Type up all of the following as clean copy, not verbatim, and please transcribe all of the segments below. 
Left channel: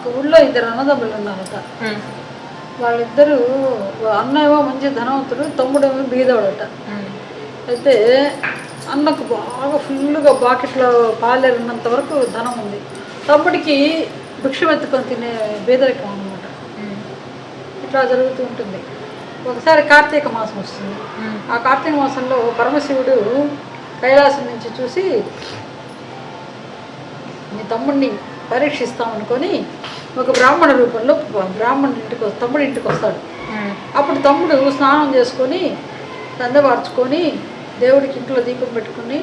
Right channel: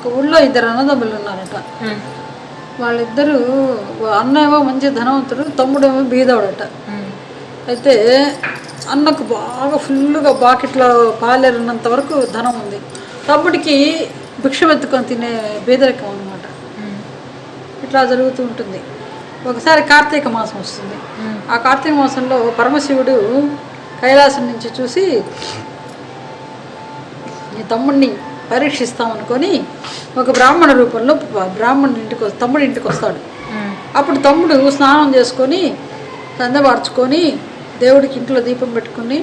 ఒక ఊళ్ళో ఇద్దరు అన్నదమ్ములు ఉన్నారట. వాళ్ళిద్దరూ అన్న ఏమో మంచి ధనవంతుడు, తమ్ముడేమో బీదవాడట. అయితే అన్నకు బాగా ఫుల్గా బాకెట్లో పాలేరున్నంత వరకు ధనం ఉంది. తమ్ముడికి భిక్షం ఎత్తుకొని తినే బీదరికం అనమాట. ఇట్లా జరుగుతూ ఉంటుంది. ఒకసారి కార్తీక మాసం వస్తుంది. ఆ కార్తీక మాసంలో పరమశివుడు కైలాసం నుంచి చూసి నీ తమ్ముడిని పరీక్షిస్తామనుకొని ఒక బ్రాహ్మణ రూపంలో తమ్ముడి ఇంటికి వస్తాడు. అప్పుడు తమ్ముడు స్నానం చేసుకొని దందవార్చుకొని దేవుడికి ఇంట్లో దీపం పెట్టుకుని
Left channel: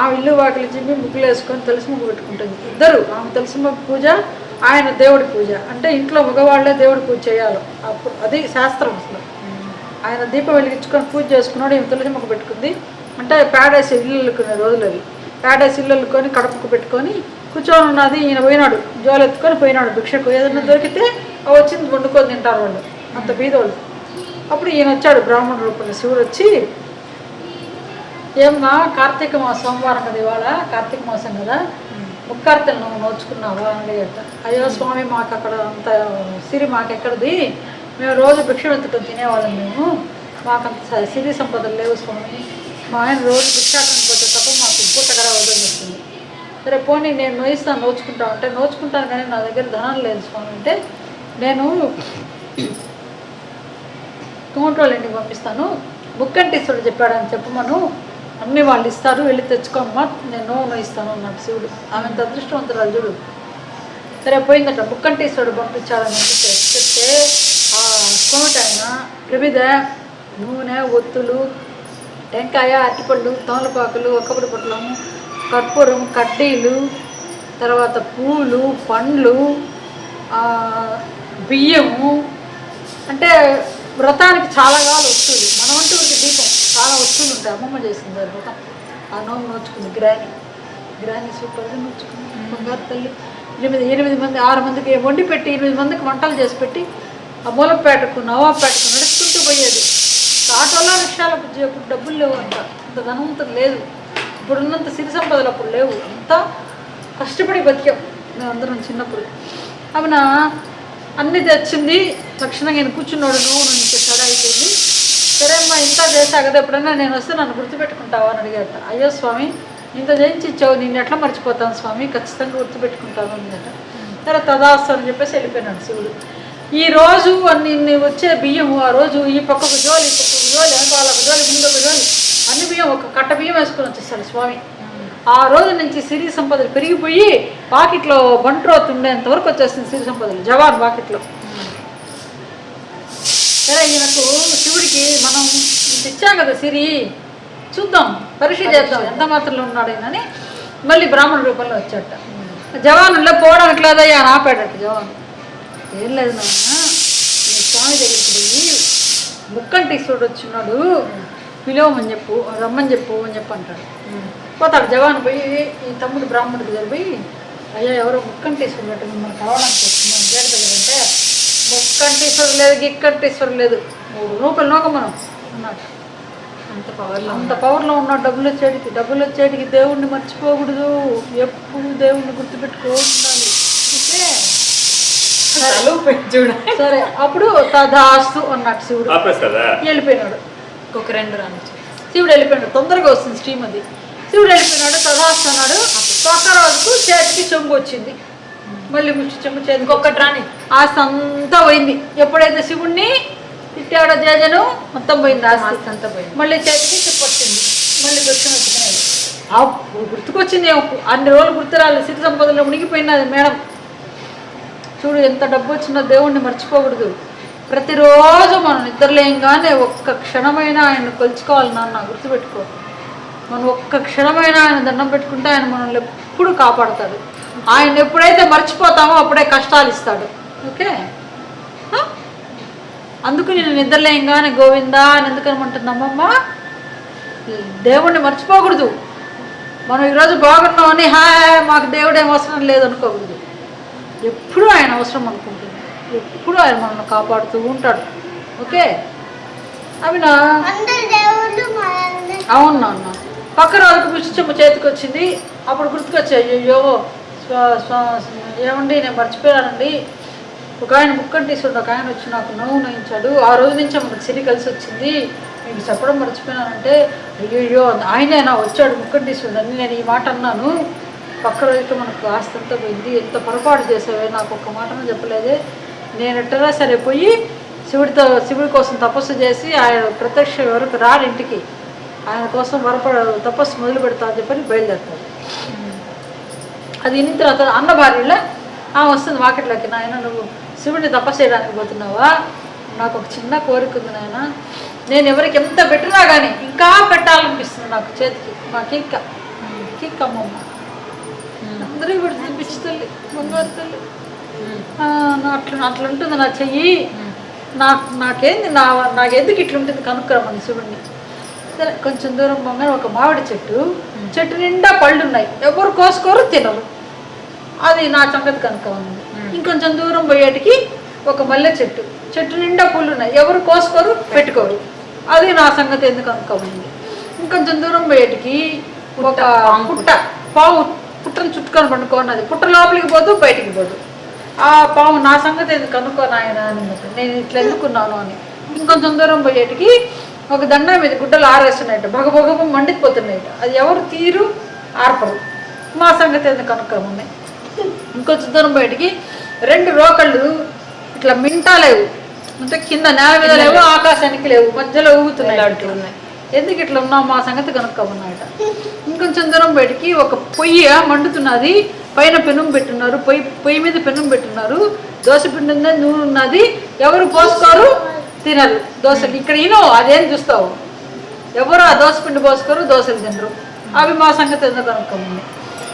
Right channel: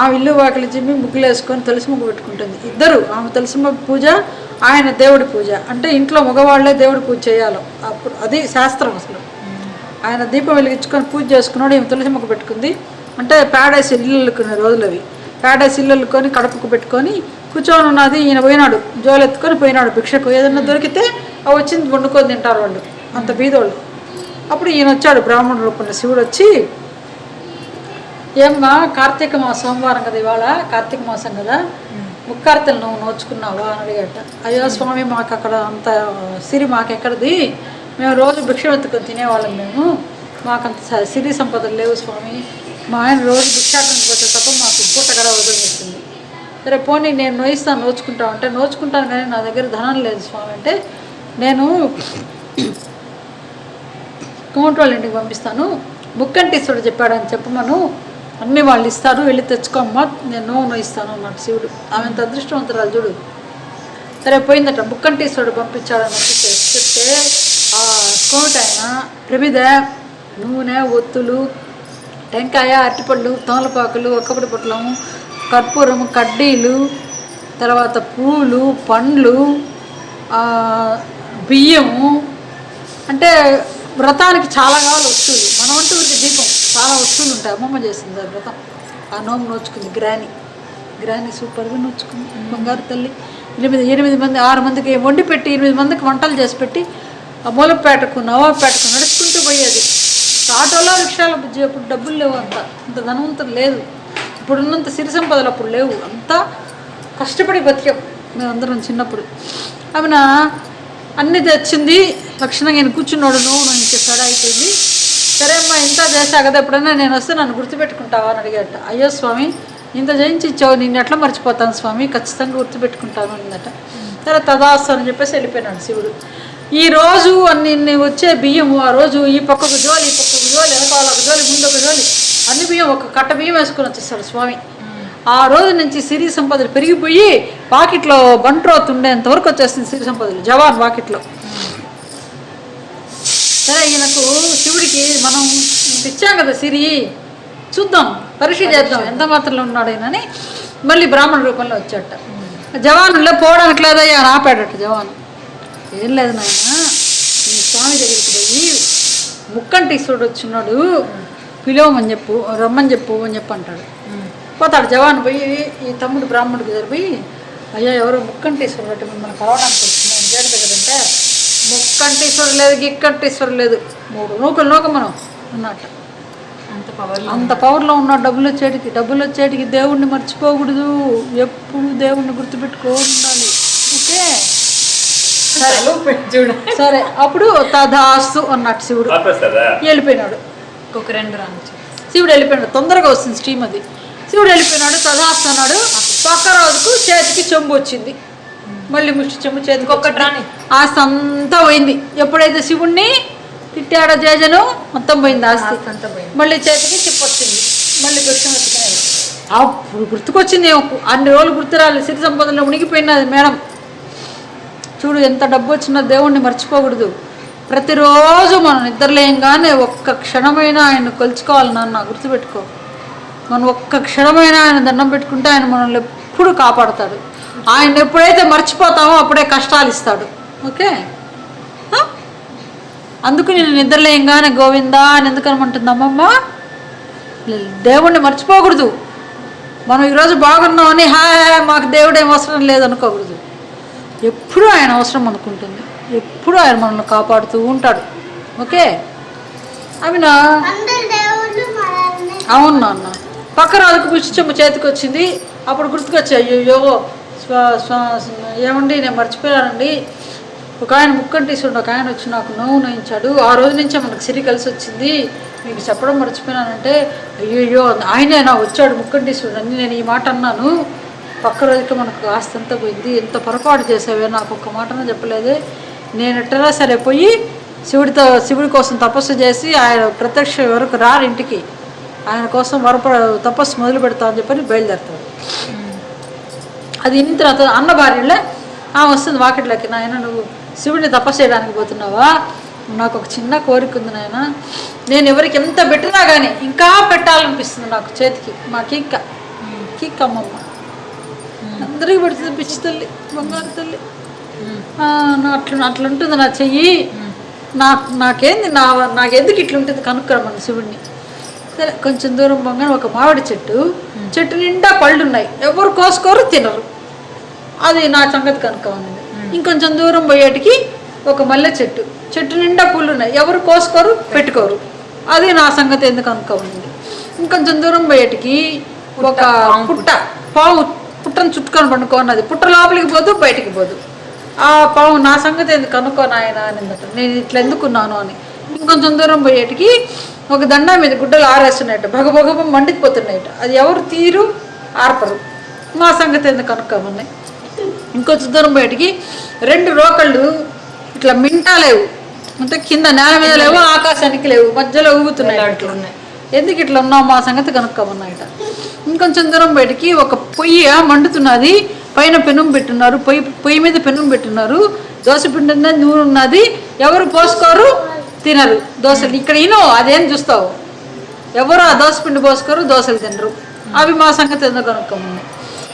ఆ ఇల్లు వాకిలి చిమ్మి ముగ్గులు వేసుకొని తులసి ముగ్గు పెట్టుకుంటుంది. ఇద్దరు, ఆమె తులసి పూజ, ఆయన దేవుడి పూజ. అంటే ఇంట్లో మగవాళ్లే దేవుడి పూజ చేయాలి. అప్పుడు అది శాస్త్రం అసలు. ఆయన దీపం వెలిగించుకొని పూజ చేసుకున్నాడు, ఈమె తులసి ముగ్గు పెట్టుకుంది. అంటే ప్యాడేసి ఇల్లు అల్లుకునే రోజులు అవి. ప్యాడేసి ఇల్లు అల్లుకొని కడపకు పెట్టుకొని కూర్చొని ఉన్నది. ఈయన పోయినాడు, జోలు ఎత్తుకొని పోయినాడు భిక్షకు. ఏదన్నా దొరికితే అవి వచ్చింది వండుకొని తింటారు వాళ్ళు, అంత బీదోళ్ళు. అప్పుడు ఈయన వచ్చాడు బ్రాహ్మణ రూపంలో. శివుడు వచ్చి, ఏమ్మా కార్తీక మాసం సోమవారం కదా, ఇవాళ కార్తీక మాసం కదా, ముక్కార్తెలు నువ్వు నోచుకున్నావా అని అడిగట. అయ్యో స్వామి, మాకు అక్కడ అంత సిరి మాకెక్కడిది, మేము రోజు భిక్షం ఎత్తుకొని తినేవాళ్ళం, మాకంత సిరి సంపదలు లేవు స్వామి, మా ఆయన రోజు భిక్షాటనకు పోతే తప్ప మాకు పూట గడ వదిలిస్తుంది. సరే పోనీ నేను నోయిస్తాను, నోచుకుంటాను అంటే, నోచుకుంటాను కానీ నా దగ్గర ధనం లేదు స్వామి అంటే, నేను కోమటోళ్ళ ఇంటికి పంపిస్తాను, ముక్కంటీశ్వరుడు చెప్పాడని చెప్పమను, అన్నీ వాళ్ళు ఇస్తారు, వెళ్ళి తెచ్చుకోమ్మా, నేను నోయిస్తాను అన్నాడు శివుడు. ఆమె అంత అదృష్టవంతురాలు చూడు. సరే పోయిందట, ముక్కంటీశ్వరుడు పంపించాడని చెప్తే ఆ కోమట ఆయన ప్రమిద, నూనె, ఒత్తులు, టెంకాయ, అరటిపళ్ళు, తమలపాకులు, ఒక్కపడి పొట్లము, కర్పూరము, కడ్డీలు, తర్వాత పూలు, పండ్లు, బియ్యము, అంటే వ్రతానికి చాలా కావాలి వస్తువులు. మనం అంటూ దీపం చాలా వస్తువులు ఉంటాయి. అమ్మమ్మ చేసింది సార్ వ్రతం, ఆ నోము నోచుకుంది. గ్రాని సూపర్గా నోచుకుంది. బంగారు తల్లి 8 మంది 6 మందికి వండి పెట్టి 8 మందికి వంటలు చేసి పెట్టి ఆ మూలపేటకు నవాపేటకు నడుచుకుంటూ పోయేది. ఆటోలో రిక్షాలో అప్పుడు డబ్బులు లేవు, అంత ధనవంతులు లేదు. ఇప్పుడున్నంత సిరి సంపదలు అప్పుడు లేవు. అంతా కష్టపడి బతికాం మేమందరం చిన్నప్పుడు. ఆమె అన్నీ తెచ్చింది. లక్షణంగా నేను కూర్చున్నాడు, నువ్వు ఇంకా స్టడీ అయిపోయింది. సరే అమ్మా, ఇంత చేశా కదా, ఎప్పుడన్నా నేను వస్తే నన్ను గుర్తుపెట్టుకుంటావా అని అడిగాట. అయ్యో స్వామి, ఇంత జయించి ఇచ్చావు, నిన్ను ఎట్లా మర్చిపోతాను స్వామి, ఖచ్చితంగా గుర్తుపెట్టుకుంటాను అందట. సరే తదాస్తు అని చెప్పేసి వెళ్ళిపోయినాడు శివుడు. ఈరోజు అన్ని వచ్చే బియ్యము, ఆ రోజు ఈ పక్కకు జోలి, ఈ పక్కకు జోలి, వెనకాలకు జోలి, ముందుకు జోలి, అన్ని బియ్యం ఒక కట్ట బియ్యం వేసుకొని వచ్చేస్తాడు స్వామి. ఆ రోజు నుంచి సిరి సంపదలు పెరిగిపోయి పాకెట్లో బంట్రోత్ ఉండేంత వరకు వచ్చేస్తుంది సిరి సంపదలు, జవాన్ పాకెట్లో. సరే ఈయనకు శివుడికి మనం తెచ్చాం కదా సిరి, చూద్దాం, పరీక్ష చేద్దాం ఎంత మాత్రంలో ఉన్నాడు ఆయనని మళ్ళీ బ్రాహ్మణ రూపంలో వచ్చాట. జవానుల్లో పోవడానికి లేదయ్యా అని ఆపాడట జవాను. ఏం లేదు నాయన, నీ స్వామి దగ్గరికి పోయి ముక్కంటీశ్వరుడు వచ్చినాడు, పిలవమని చెప్పు, రమ్మని చెప్పు అని చెప్పి అంటాడు. పోతాడు జవాను పోయి, ఈ తమ్ముడు బ్రాహ్మణుడు దగ్గర పోయి, అయ్యా ఎవరో ముక్కంటీశ్వరుడు అంటే మిమ్మల్ని కలవడానికి వచ్చింది చేరుతా కదంటే, ముక్కంటీశ్వరుడు లేదు, గిక్కంటీశ్వరుడు లేదు, 3 నూకలు మనం అన్నట్టు. అంత పవర్లో ఉన్నాడు. డబ్బులు వచ్చేటికి దేవుణ్ణి మర్చిపోకూడదు, ఎప్పుడు దేవుణ్ణి గుర్తుపెట్టుకోవాలి. ఓకే సరే అప్పుడు తదాస్తు అన్నట్టు శివుడు వెళ్ళిపోయినాడు. ఒక 2 రాను శివుడు వెళ్ళిపోయినాడు. తొందరగా వస్తుంది స్ట్రీమ్ అది. శివుడు వెళ్ళిపోయినాడు, తదాస్తు అన్నాడు. ఒక్క రోజుకు చేతికి చెంబు వచ్చింది, మళ్ళీ ముష్టి చెంబు చేతికి ఒక్కటి రాని ఆస్తి అంతా పోయింది. ఎప్పుడైతే శివుణ్ణి తిట్టాడో జేజను మొత్తం పోయింది, ఆస్తి అంతా పోయింది. మళ్ళీ చేతికి చిప్పు వచ్చింది, మళ్ళీ దృశ్యం వచ్చినాయి. అప్పుడు గుర్తుకొచ్చింది. అన్ని రోజులు గుర్తు రాలేదు, సిరి సంపదలో మునిగిపోయినది మేడం. చూడు ఎంత డబ్బు వచ్చినా దేవుణ్ణి మర్చిపోకూడదు. ప్రతిరోజు మనం నిద్రలేయంగానే ఒక్క క్షణమైనా ఆయన కొలుచుకోవాలి. నాన్న గుర్తుపెట్టుకో, మనం ఒక్క క్షణమైనా ఆయన దండం పెట్టుకుంటే ఆయన మనల్ని ఎప్పుడు కాపాడుతాడు. ఆయన ఎప్పుడైతే మర్చిపోతామో అప్పుడే కష్టాలు ఇస్తాడు. ఓకే, అందుకు నేను నిద్రలేయంగానే గోవిందా అని ఎందుకనమంటుంది అమ్మమ్మ. దేవుణ్ణి మర్చిపోకూడదు. మనం ఈరోజు బాగున్నామని మాకు దేవుడేం అవసరం లేదనుకోకూడదు. ఎప్పుడూ ఆయన అవసరం అనుకుంటుంది, ఎప్పుడూ ఆయన మనల్ని కాపాడుతూ ఉంటాడు. ఓకే, అవి నా అవును నాన్న. పక్క రోజుకు పుష్టి చెంబు చేతికి వచ్చింది. అప్పుడు గుర్తుకొచ్చాయి, అయ్యో ఏమండి నేను మర్చిపోయానండి, ఒక ఆయన ముక్కంటీసుడు ఒక ఆయన వచ్చి నాకు నోవు నోయించాడు, ఆ రోజు నుంచే మనకు సిరి కలిసి వచ్చింది, మీకు చెప్పడం మర్చిపోయానంటే, అయ్యో ఆయనేనా వచ్చాడు ముక్కంటీసుడు అని నేను ఈ మాట అన్నాను. పక్క రోజుకి మనకు ఆస్తి అంతా పోయింది, ఎంత పొరపాటు చేసావే, నాకు ఒక్క మాటనే చెప్పలేదే. నేను ఎట్టరా సరే పోయి శివుడి కోసం తపస్సు చేసి ఆయన ప్రత్యక్ష వరకు రారు ఇంటికి, ఆయన కోసం తపస్సు మొదలు పెడతా అని చెప్పని బయలుదేరుతాడు. అది ఇన్న తర్వాత అన్న భార్యలే వస్తుంది వాకిట్లోకి, నాయన నువ్వు శివుడిని తపస్సు చేయడానికి పోతున్నావా, నాకు ఒక చిన్న కోరిక ఉంది నాయన, నేను ఎవరికి ఎంత పెట్టినా కానీ ఇంకా పెట్టాలనిపిస్తుంది నాకు చేతికి, మా కిక్ అమ్మమ్మ అందరికీ పెడుతుంది, పిచ్చి తల్లి బంగారు తల్లి, అట్లుంటుంది నా చెయ్యి, నాకేంది నాకెందుకు ఇట్లుంటుంది కనుక్కరమ్మని శివుడిని. సరే కొంచెం దూరం పోగానే ఒక మామిడి చెట్టు నిండా పళ్ళు ఉన్నాయి, ఎవరు కోసుకోరు తినరు, అది నా సంగతి కనుక్కోమని. ఇంకొంచెం దూరం పోయేటికి ఒక మల్లె చెట్టు నిండా పూలు ఉన్నాయి, ఎవరు కోసుకోరు పెట్టుకోరు, అది నా సంగతి ఎందుకు కనుక్కోమని. ఇంకొంచెం దూరం పోయేటికి ఒక పుట్టను చుట్టుకొని పండుకోన్నది, పుట్ట లోపలికి పోదు బయటికి పోదు, ఆ పావు నా సంగతి ఎందుకు కనుక్కోను ఆయన అని, నేను ఇట్లా ఎందుకున్నాను అని. ఇంకొంచెం దూరం పోయేటికి ఒక దండ మీద గుడ్డలు ఆరేస్తున్నాయట, భగభగ మండిపోతున్నాయట, అది ఎవరు తీరు ఆర్పరు, మా సంగతి ఎందుకు కనుక్కోమన్నాయి. ఇంకొంచెం దూరం బయటికి 2 రోకళ్ళు ఇట్లా మింటా లేవు, అంటే కింద నేల మీద లేవు, ఆకాశానికి లేవు, మధ్యలో ఊగుతున్నాయి, ఇట్లా ఉన్నాయి, ఎందుకు ఇట్లా ఉన్నావు మా సంగతి కనుక్కోమన్నాయట. ఇంకొంచెం దూరం బయటికి ఒక పొయ్యి మండుతున్నది, పైన పెనుం పెట్టున్నారు, పొయ్యి మీద పెనుం పెట్టున్నారు, దోశ పిండి నూనె ఉన్నది, ఎవరు పోసుకోరు తినరు దోశలు. ఇక్కడ అదేం చూస్తావు, ఎవరు ఆ దోశ పిండి పోసుకోరు, దోశలు తినరు, అవి మా సంగతి ఎందుకు కనుక్కోమన్నాయి.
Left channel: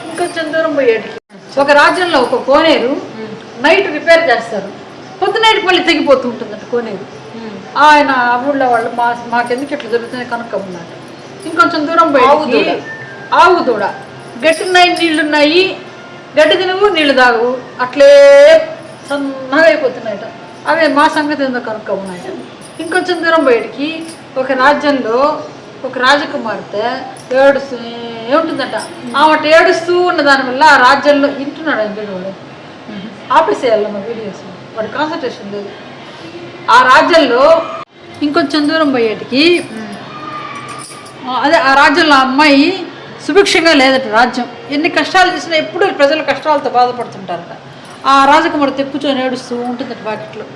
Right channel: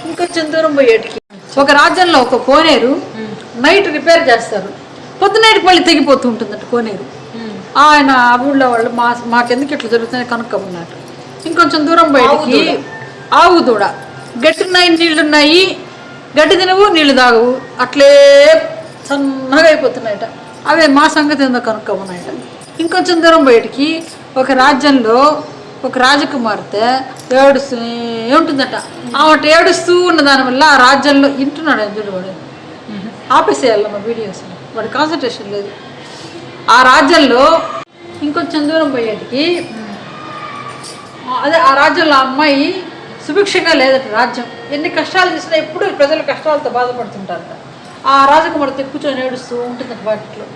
ఇంకొంచెం దూరం పోయేటికి ఒక రాజ్యంలో ఒక కోనేరు నైట్ రిపేర్ చేస్తారు, పొద్దునైట్కి మళ్ళీ తెగిపోతూ ఉంటుందట కోనేరు. ఆయన ఆ ఊళ్ళో వాళ్ళు మాకెందుకు ఇట్లా జరుగుతున్నాయి కనుక్కోమన్నట్టు. ఇంకొంచెం దూరం బయటికి ఆవు దూడ, గట్టున్నాయి నీళ్లున్నాయి, గడ్డి తినవు నీళ్లు తాగవు, అట్లే సన్నగా అయిపోతున్నాయట, అవే మా సంగతి ఎందుకు కనుక్కోమన్నాయట. ఇంకొంచెం దూరం బయటికి ఒక రాజ్యంలో ఒక రాజకుమార్తె ఏడుస్తూ ఉంటుందట, ఆమె ఏడుస్తూ ఉన్న దానివల్ల ఆ రాజ్యంలో ఇంటున్నాడు ఎందులో వాడు ఆపేసేయాలన్న వీడియోస్, వాడి కాన్సన్ట్రేషన్ లేదు. ఆ రాజ్యంలో ఇంకొంచెం దూరం పోయేటికి అదే ఆ రాజ్యంలో అమ్మాయి సుభిక్షంగా లేదట రాజ్యం, ఎన్ని కష్టాలు చేసినా ఎప్పుడు ప్రజలు కష్టాలతో బాధపడుతుంటారట. ఆ రాజకుమార్తె కూర్చొని ఏడుస్తూ ఉంటుంది ప్యాకెట్లో,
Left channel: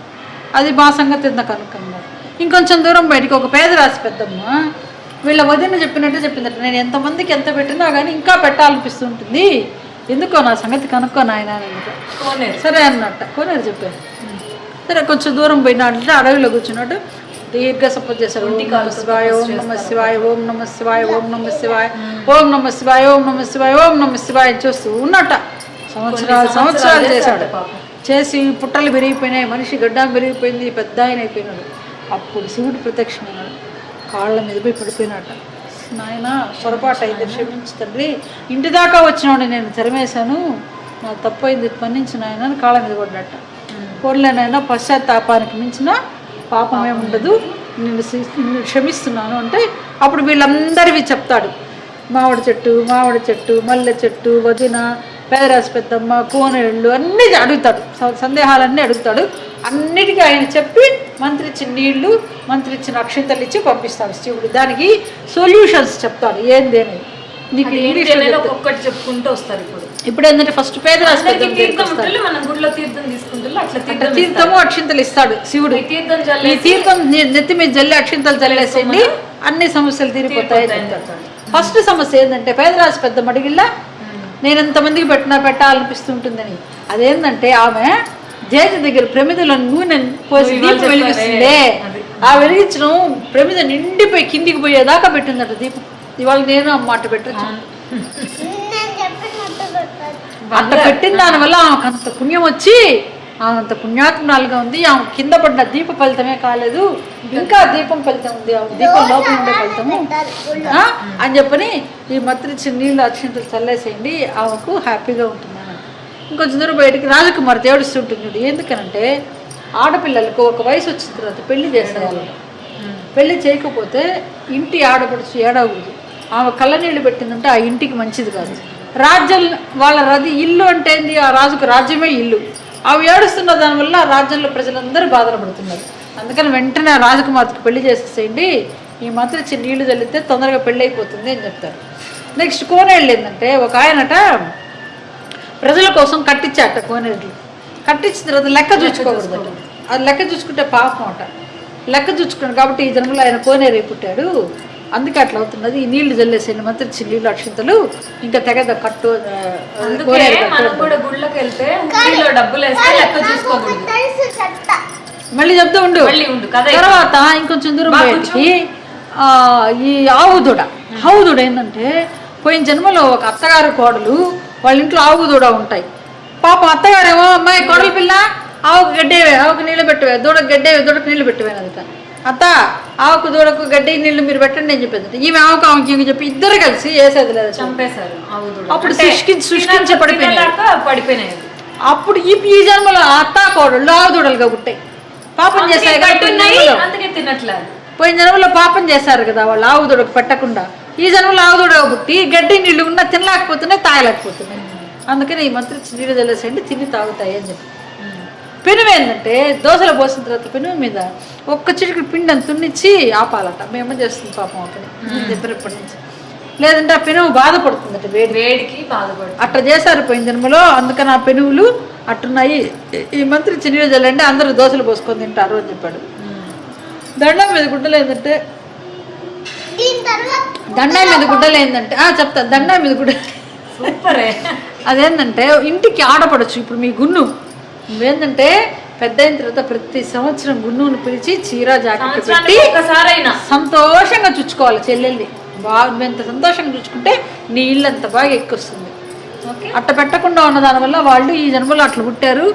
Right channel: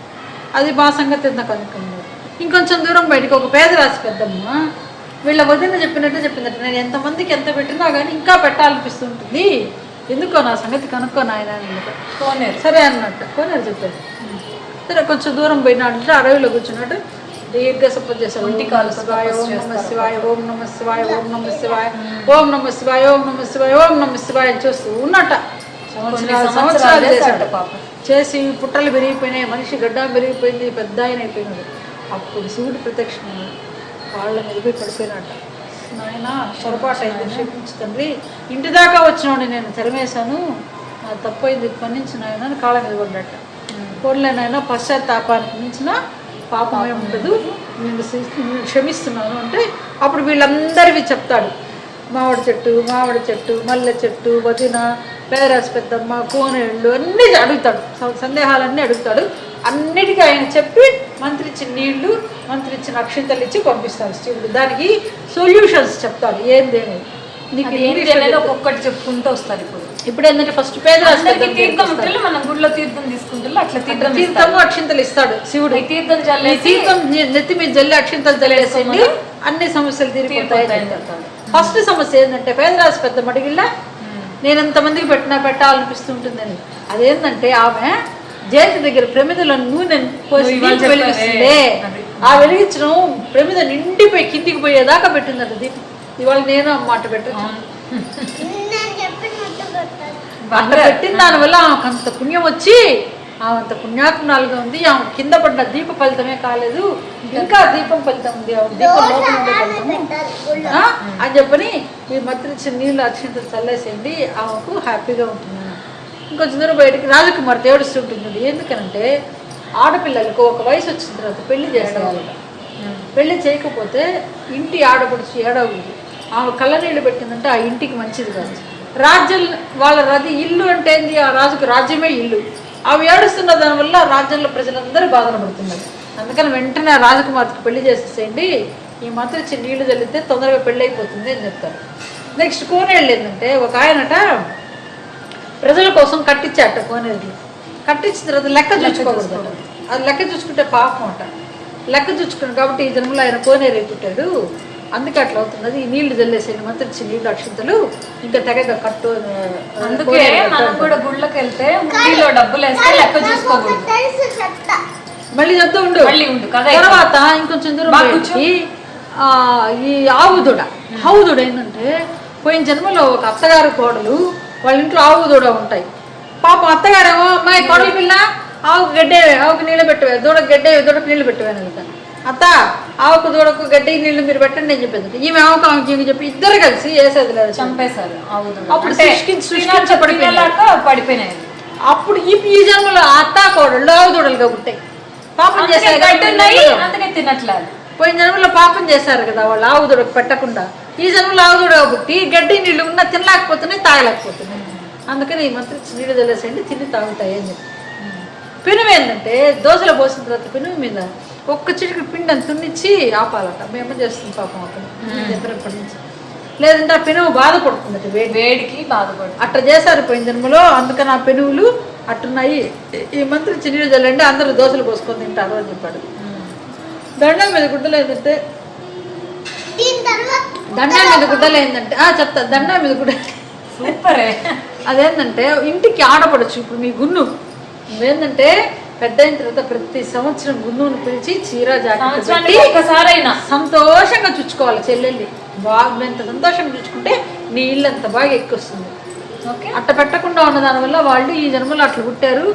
అది మా సంగతి ఎంత కనుక్కున్నారు. ఇంకొంచెం దూరం బయటికి ఒక పేదరాశి పెద్దమ్మ వీళ్ళ వదిన చెప్పినట్టు చెప్పిందట, నేను ఎంతమందికి ఎంత పెట్టినా కానీ ఇంకా పెట్టాలనిపిస్తుంటుంది, ఎందుకో నా సంగతి కనుక్కొని ఆయన సరే అన్నట్ట కోనేరు చెప్పారు. సరే కొంచెం దూరం పోయినట్టు అడవిలో కూర్చున్నట్టు దీర్ఘ సపోజ్ చేశారు, ఓం నమ శివాయ ఓం నమ శివాయ ఓం నమ శివాయ ఓం నమ శివాయ ఓం నమ శివాయ ఓం నమ శివాయ ఓం నమ శివాయ చూస్తూ ఉన్నట్ట. సంవత్సరాలు చేశాడు, చేసి పుట్టలు పెరిగిపోయినాయి, మనిషి గడ్డ పెరిగిపోయింది, పెద్ద ఆయన అయిపోయినాడు. అప్పుడు శివుడు ప్రత్యక్షమన్నాడు, కాళ్ళ మీద పోయి పడిపోయినట్ట, నాయన పొరపాటు అయింది క్షమించు తండ్రి, ఇంటి దాకా వచ్చినాడు నేను తరిమేశాను, నాకు తప్పు అయింది మన్నించిన ఆయన అని కాళ్ళ మీద పడినట్ట. కోరలేనైనా పశ్చాత్తాపానికి మించిన పాపం ఏముండదు, నేను క్షమిస్తున్నాను అంటే అప్పుడు వీళ్ళందరివి చెప్తాడు, మామిడి చెట్టు మల్లె చెట్టు వదిన పేదరాశి పెద్దమ్మ కోనేళ్ళు అన్నీ అడుగుతాడు, సందేహాలన్నీ అడుగుతాడు, అన్నిటికీ ఆయన చెప్పి మంత్రిచ్చిన నీళ్లు మంత్రిచ్చిన అక్షింతలు ఇచ్చి పంపిస్తాడు శివుడు. దానికి సొల్యూషన్స్ చెప్తాడు, ఏందేమి నీకు ఒక్కొక్కటి చెప్పుకుంటూ వస్తారు. ఇప్పుడు ఏంటంటే ఫస్ట్ పేదరాశి మన గుడిలో తీర్థం తీసుకుంటారు, అట్లా తీర్థము అక్షింతలు ఇస్తాడు శివుడు. ఈ తీర్థం నెత్తి మీద జల్లి అక్షింతలు జల్లేసేయండి అన్ని సమస్యలు తీరిపోతాయి. ఫస్ట్ సమస్య ఏంటంటే పేదరాశి పెద్ద మడిగిల్లా నేను ఎంతమందికి పెట్టాలనిపిస్తుంటుందని, అదేంటంటే ఆమె చేతి దగ్గర ప్రమిదలో నూనె పోసి దీపం వెలిగిస్తుందే, ఆ వెలిగించడం ప్రమిద నిండిపోయి కిందికి పోయేదాకా పెట్టిందట దీపం. ఇవాళ నేను అమ్మాట పెట్టచ్చు, అంత పెట్టిన దానివల్ల ఆమెకు అంత పుణ్యం వచ్చి ఆమె అంత పుణ్యాత్మనాలుగా ఉంది. ఆమె కింద పడ్డ దీప ఫలితమే కాలేదు, ఇంకా దీపం ఫలితం ఉంది, దీపం లోపల ఉండే ఫలితము అని చెప్పని ఈ మత్రిచ్చిన నీళ్ళు అక్షింతలు చల్లేసేయండి, ఆమెకు హ్యాపీగా ఉంటుంది. ఇంకొంచెం దూరం బయటికి రాజకుమార్తె ఏడుస్తుంటుంది, ఎందుకనంటే ఆడపిల్లలకు ఒక వయసు వచ్చిన తర్వాత పెళ్లి చేసేవాళ్ళు, పెళ్లి చేయకపోతే ఇంటి ఆడపడుచు ఏడవదు, ఆమె కళ్ళ నీళ్ళు పెట్టిందంటే ఆ ఇంటికి మంచిది కాదు, రాజ్యం వాళ్ళ ఇల్లు అంటే ఏంది, ఆ రాజుకు రాజ్యమే ఇల్లు. అవి ఏడుస్తున్న దానివల్ల రాజ్యంలో ప్రజలందరూ బాధలు పడుతున్నారు. అందుకని వెంటనే ఆ రాజకుమార్తెకు పెళ్లి చేసేసేయండి, ఈ మంత్రి ఇచ్చి నీళ్లు చల్లితే తొందరగా పెళ్ళి అయిపోతుంది అని చెప్తారు. నెక్స్ట్ కోనేళ్ళు ఏంటంటే, ఒక ఆయనట ప్రజల కోసం కట్టించాట కోనేళ్ళు. కట్టించిన తర్వాత లెక్క చూసుకోకూడదు, అది లెక్క చూసుకుంటే పాపం అట. లెక్క చూసుకున్నాడు కాబట్టి ఈ జన్మలో ఆయన కోనేరు పుట్టాడు, అందుకే అట్లా అవుతున్నది. ఈ నీళ్లు చల్లేసేయండి, మంత్రి ఇచ్చి నీళ్ళు అక్షింతలు ఇంకా తెగద కట్టు. అందుకే మనం కూడా గుళ్ళకి వెళ్తే హుండీలో డబ్బులు వేస్తే లెక్క చూసుకోకూడదు. మళ్ళీ చెప్తూ ఉండు. తర్వాత ఇంకొంచెం దూరం బయటికి ఈ ఆవుదూడ ఏంటంటే, పోయిన జన్మలో ఒక అత్తగారు కోడలు వాళ్ళ ఇంట్లో ఆవుదూడ ఉంటాయి. పాపం అత్తగారేమో, అమ్మాయి కోడల పిల్ల ఆవుకు గడ్డేవే, ఆవుకు నీళ్ళు పెట్టవే, దూడకు గడ్డేవే, దూడకు నీళ్ళు పెట్టవేనట. అత్త ఆవుకు దూడకు గడ్డి నీళ్ళు మీరు పెట్టండి నేను చెప్పేది. ఈమె ఆవుకి చెప్పి ఇద్దరు కలిసి వేసేది లేదు, చంపేశారు. అప్పుడు సృష్టించి పడిపోయినాయి. అప్పుడు ఈ జన్మలో అత్త కోడళ్ళు ఆవుదూడలుగా పుట్టాయి. పాపం చేశారు, అందుకే తినట్లేదు. పోయిన జన్మలో పాపం చేశారు కదా వాళ్ళు ఆవుదూడకు పెట్టకుండా, ఈ జన్మలో ఆవుదూడగా పుట్టి గడ్డి నీళ్ళు ఉన్నా తినలేకపోతున్నాయి, తాగలేకపోతున్నాయి. అందుకని ఈ మంత్రి నీళ్ళు తెలిసేయండి, తిని తాగుతాయి అని చెప్పి. పెనుము ఏంటంటే, దోశలు పోసిన తర్వాత పెనుము మీద ఒక్క చిటికి పిండిని తున్నిచ్చి ఆపాలట. మేము చేస్తుంది పాపం అప్పుడు చెప్పినప్పటి నుంచి. లేదంటే ఆ పెనుము బాధపడుతుందట, వేడికి బాధపడుతుంది. అట్లా చేశారు పోయిన జన్మలో. అందుకని ఆ పెనువులు అట్టున్నాయి. ఈ మంత్రి చిన్న చల్లండి, అందరూ దోశలు పోసుకొని తింటారు అని చెప్పాడు. దండం మీద గుడ్డలు ఏంటంటే, చెప్తా. దండం మీద గుడ్డ సూపరే. అదేంటంటే ఇంటికి ఆడపడచ్చు. ఇప్పుడు మీ గున్ను నువ్వేంటంటే పెద్ద అయిన తర్వాత ప్రతి సంవత్సరం గున్నుని పిలిచి చీర జాకెట్ పెట్టి సంతోషంగా చుచ్చుకోవాలి చెల్లెల్ని. బాగా ఎంత సంతోషంగా చుచ్చుకుంటే నీ ఇల్లు అంత బాగా ఎక్కువస్తుంది. అట్ట పెట్టకుండా ఉన్న దానివల్ల వాళ్ళు ఈ జన్మలో అట్లా పుట్టారు.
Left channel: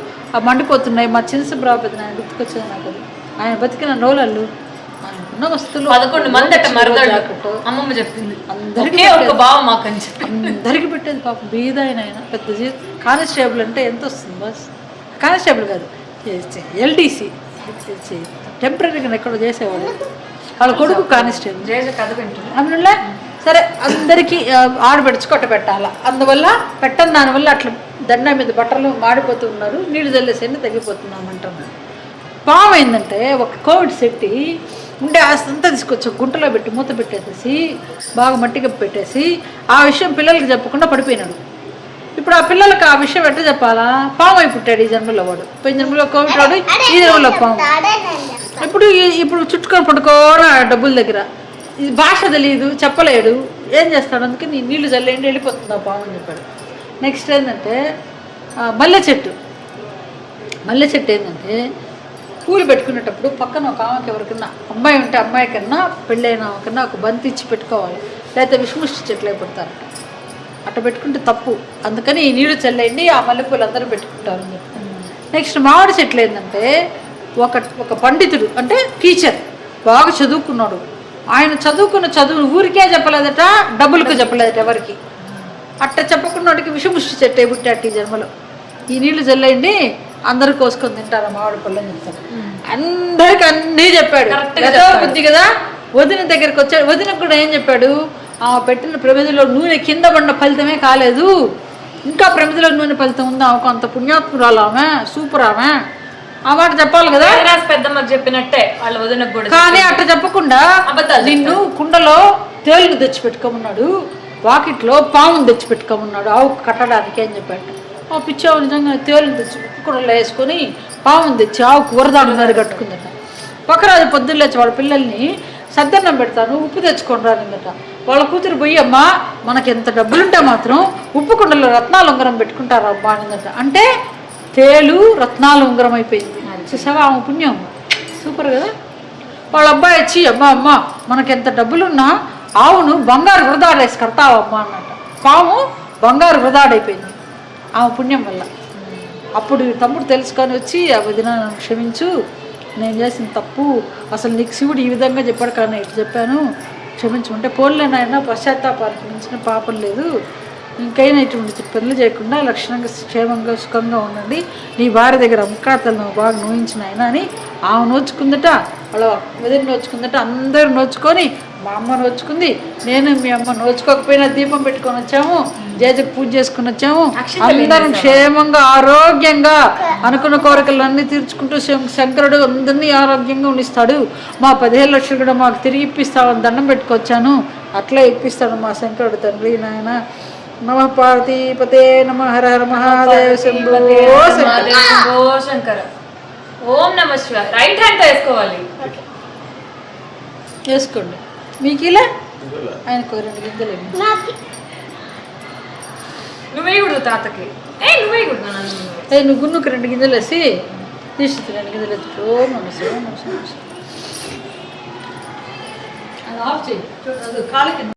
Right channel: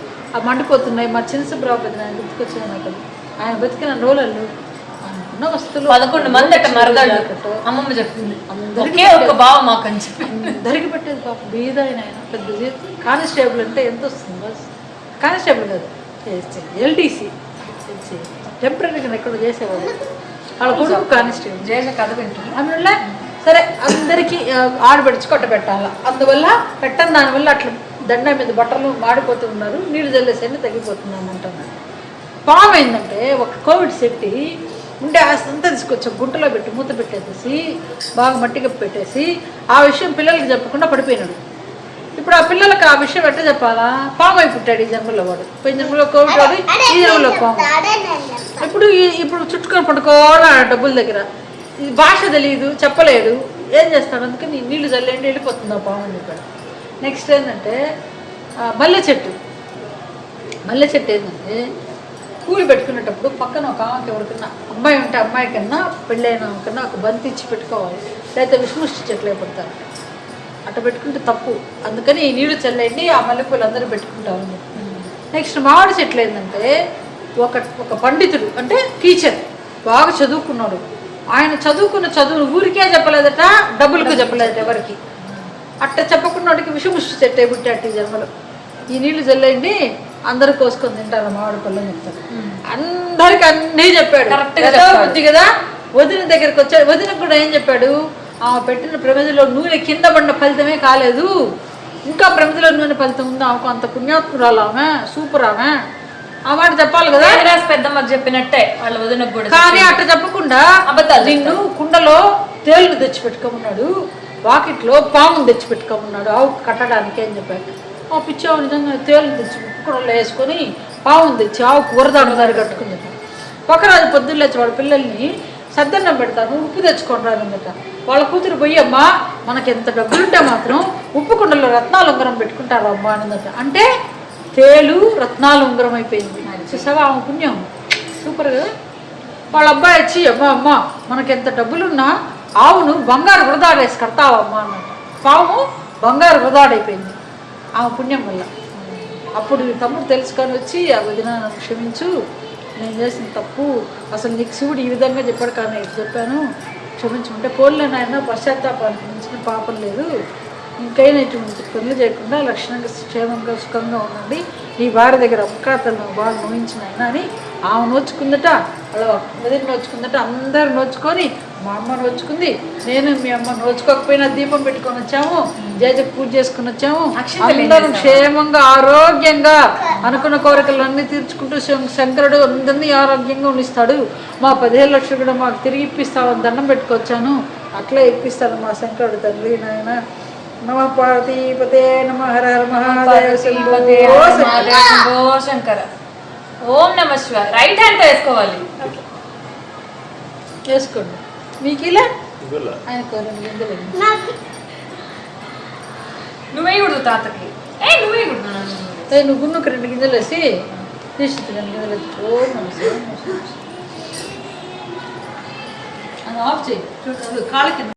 మండిపోతున్నాయి. మా చిన్నసుబ్రావు పెద్ద ఆయన గుర్తుకొచ్చింది నాకు. ఆయన బతికిన రోజులు ఆయనకున్న వస్తువులు 11 మంది అమ్మమ్మ చెప్పింది. అందరికీ పెట్టేది పాపం. బీద ఆయన పెద్ద కానిస్టేబుల్ అంటే ఎంత వస్తుంది? బస్ కానిస్టేబుల్ కాదు, ఎల్టీసీ టెంపరీగా ఎక్కడో చేసేవాళ్ళు. వాళ్ళ కొడుకు కానిస్టేబుల్. అందువల్ల సరే అందరికీ ఆడబెడుచు కొట్ట పెట్టాలా. అందువల్ల పెట్టని దానివల్ల అట్లా దండ మీద బట్టలు మాడిపోతూ ఉన్నారు, నీళ్ళు చల్లేసేది తగ్గిపోతున్నాం అంటున్నారు. పాము ఏంటంటే, ఒక కోవిడ్ సెట్టి ఉండే ఆస్తంతా తీసుకొచ్చి గుంటలో పెట్టి మూత పెట్టేసి బాగా మట్టిగా పెట్టేసి ఆ విషయం పిల్లలకి చెప్పకుండా పడిపోయినాడు. ఇప్పుడు ఆ పిల్లలకి ఆ విషయం ఎట్లా చెప్పాలా? పాము అయి పుట్టాడు ఈ జన్మలో వాడు. పోయిన జన్మలో కోవిడ్ వాడు, ఈ జన్మలో పాము. ఇప్పుడు చుట్టుకొని పడుకోవాలి డబ్బుల దగ్గర. ఇది భాష తెలియదు, చెప్పలేడు, ఏం చేస్తాడు? అందుకని నీళ్ళు చల్లేండి వెళ్ళిపోతుంది ఆ పాము అని చెప్పాడు. నెక్స్ట్ ఏంటంటే మల్లె చెట్టు ఏంటంటే, పూలు పెట్టుకునేటప్పుడు పక్కన ఒక ఆమెకి ఎవరికన్నా అమ్మాయి ఉంటే అమ్మాయి కన్నా పెళ్ళైన కన్నా ఒక బంతి ఇచ్చి పెట్టుకోవాలి, లేకపోతే విషముష్టి చెట్లు పెడతారు. అట్లా పెట్టుకుంటే తప్పు. అందుకని ఈ నీళ్ళు చల్లేండి, ఆ మల్లెపూలు అందరూ పెట్టుకుంటారు. నెక్స్ట్ మామిడి చెట్లు ఏంటంటే, ఒక పండితుడు అంటే టీచర్ బాగా చదువుకున్నాడు. ఆయన చదువుకున్న చదువును ఊరికే చెప్పలేదట, డబ్బులకు చెప్పలేదట ఎవరికి. అట్లా చెప్పకున్నోడికి విషముష్టి చెట్టు పుట్టాడు ఈ జన్మలో. ఈ నీళ్లు చల్లేయండి అందరూ కోసుకొని తింటారు మామిడి పళ్ళు అని చెప్తాడు. అందరికి అన్నీ చెప్పాడు. బుద్ధి కదా. వదిన దగ్గరికి వచ్చాడు. వదినకు కూడా ఏం చెప్పాడు? ఆమె పెట్టిన ప్రమిదిలో నూనె కింద పడిన ఫలితమే కాలేదు, ఇంకా ప్రమిదిలో నూనె ఫలితం ఉంది, ఆమెకు అంత పుణ్యాత్మురాలు, ఆమె సూపర్, ఆమె ఆ మాట చెప్పాలి కదా. పెద్దమ్మకి చెప్పినట్టే వాళ్ళ వదినకు కూడా. కానీ అట్లా చెప్పకుండా నిన్ను కుండలో తేలును తెచ్చిపెట్టుకోమన్నాడు, వాకిట్లో పామును తెచ్చిపెట్టుకోమన్నాడు ఆవు కట్టడానికి అని చెప్పాడు. ఆ పిచ్చావు నిజంగా తేలును తెచ్చి కుండలో వేసుకొని పామును తెచ్చి ఆవు కూరదారి కట్టుకుందట. ఒకరాజు పొద్దున్న లేచి వాళ్ళ పిల్లల్ని సద్దన్నం పెడతాను, ఉప్పు తెచ్చుకొని రాలిందట. వాళ్ళ కూతురు పోయి, అమ్మా మనకి ఎంత డబ్బులుంటే మాత్రం ఉప్పు కుండలో రత్నాలు ఉంగరం పెట్టుకుంటారు అమ్మా అన్నదట. అంటే తేలు రత్నాలు ఉంగరం అయిపోయింది. చూసావా ఆమె పుణ్యం, సూపర్ కదా. వాళ్ళ అబ్బాయి వచ్చి, అమ్మ మనకి ఎంత డబ్బులున్నా ఆవును బంగారు వృధాడేసి కడతావమ్మా అన్నట. పాము బంగారు వృధాడైపోయింది ఆమె పుణ్యం వల్ల. అప్పుడు తమ్ముడు తెలుసుకొని వచ్చి, ఆ వదిన క్షమించు, నేను చేసిన తప్పు, అసలు నీకు శివుడు ఈ విధంగా చెప్పాడు కానీ ఇటు చెప్పాను, క్షమించుకుంటే పోలేనాయన, పశ్చాత్తాపానికి మించిన పాపం లేదు, ఇంకైనా ఇటువంటి పనులు చేయకుండా లక్షణంగా క్షేమంగా సుఖంగా ఉండండి, నీ భార్య దగ్గర అమ్మకాతలు నువ్వు బాగా నోయించిన ఆయన అని ఆమె నోచుకుందట. వాళ్ళ వదిన నోచుకుందట. అందరూ నోచుకొని మా అమ్మ నోచుకుంది, నేను మీ అమ్మ నోచుకోకపోయినా దీపం పెట్టుకొని వచ్చాము, జేజకు పూజ చేసుకుని వచ్చాము. అందరం క్షేమంగా ఆరోగ్యంగా అనుకున్న కోరికలన్నీ తీర్చుకుంటూ శంకరుడు అందరినీ ఆరోగ్యంగా ఉండిస్తాడు. మా 15 లక్షలు కూడా మాకు తిరిగి ఇప్పిస్తామని దండం పెట్టుకొచ్చాను. అట్లా ఇప్పిస్తాడు మా శంకరుడు తండ్రి నాయన. నమ పార్వతీపతే నమ హర హర మహాదేవ శంభో శంకర. ఓం నమ శివాయ. రైట్ హ్యాండ్ తో వేసుకోవాలి. వేసుకోండి. మీకు ఇలా ఆయన కోరండి గింజలు నువ్వే కుడు తాతకి. నువ్వే కుడు. నువ్వు గున్నుకు 2 గింజలు వేసి తీసి 2 గింజలు వేసి అది ఆఫ్ చేయి. కాళ్ళ కింద